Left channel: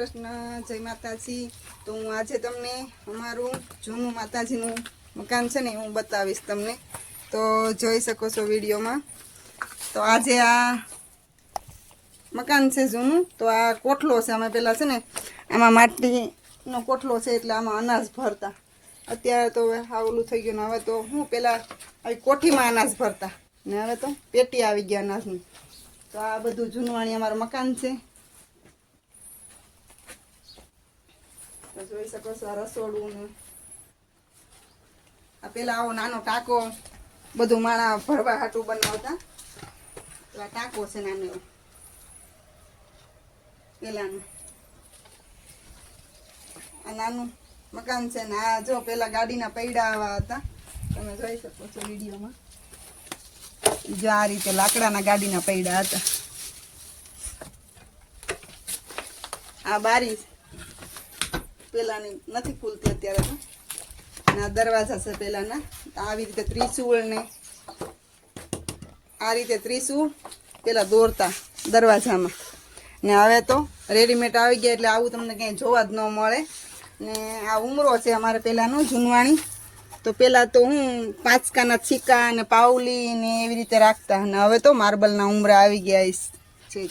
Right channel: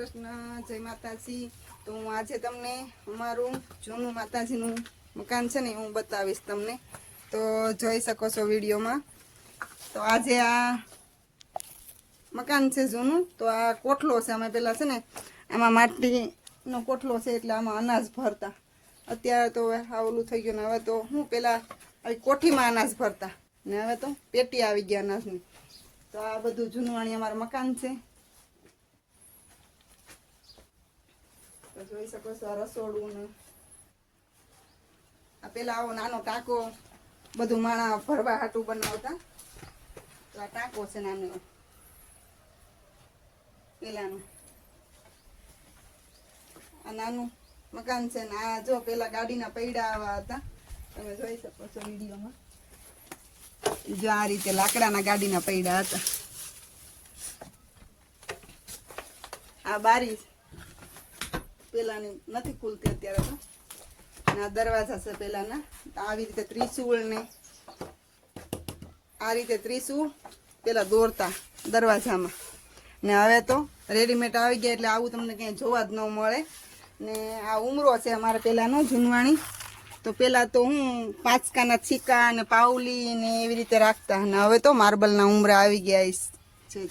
કૃષ્ણ, જય માતાજી। તો હું આજે તમને અમારું જૂનું માતાજીનું મકાન છે ને હું બતાવીશ તમને, તો જોઈ શકો છો વિડીયોમાં। તો આજે આ મકાન છે જૂનું, તો આ કોઠલો છે। અમે પહેલાં છે ને આમાં માટીનો કોઠલો છે એટલે આમાં અનાજ ભરતા। અત્યારે તો આ ઓલું થઈ ગયું ને હવે તો હું પહેલાં આવી કોઠીમાં અનાજ ભરતા ને હવે તો પેટી આવી ગયા અનાજની। તો આ બધું જૂનવાણી અમારું મકાન છે। જોઈ શકો છો રસોડું ને આ પેલા આવો નાનો ટાંકો બધું માણા ભરવા હાટું બનાવતા। આ ટાંકો છે નાનો પેલાનું, આ નાનું મકાન છે ને આ જો પેલા ગાડીના પૈડા આવા હતા, તમે જોઈ શકો છો વિડીયોમાં। જો આ રીતે લાકડાના ગાડીના પૈડા હતા। આ બારી પેલાની નથી ખુલતી અત્યારે તો, અને આ દરવાજા છે પેલાના। આવી રીતે ત્રિશુળ ને આ રીતે ત્રિશુળ પેલા દોરતા દરવાજામાં, ને હવે તો રેડીમેડ આવી ગયા એટલે આવું તમને ક્યાંય જોવા જ ન મળે। ને આ ઉમરો છે અમારે પહેલાંનો જૂનવાણી। તો પહેલાં તો હું પાંચકાના છીકા અને પાવલી ને એવી રીતે રાખતા, અને હવે તો માર્બલના ઉમરા આવી ગયા છે।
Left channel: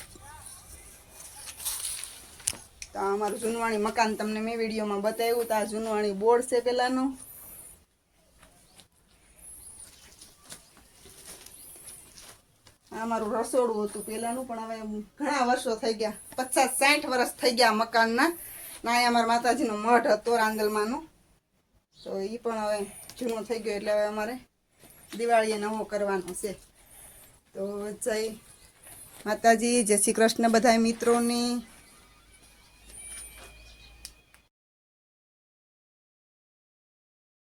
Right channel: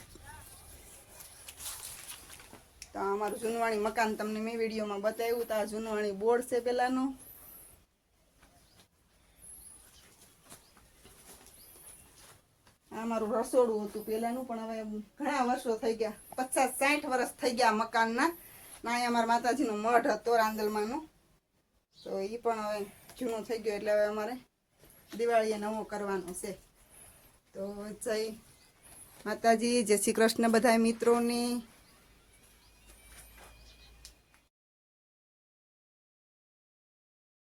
તો અમારું જૂનવાણી મકાન તમને મેં વિડીયોમાં બતાવ્યું। તો આ જૂનવાણી બોર્ડ છે પહેલાંનું। આ અમારું રસોડું હતું પહેલાંનું, પણ હવે ઘણા વર્ષો થઈ ગયા, 50-60 વર્ષ થઈ ગયા મકાનના। ના અહીંયા અમારા માતાજીનો મઠ હતો રાંદલમાંનો, તો એ પણ હવે જૂનું થઈ ગયું એટલે હવે અમારે દિવાળીએ નવો કરવાનો છે। તો જય માતાજી, જય શ્રી કૃષ્ણ બધા મિત્રોને।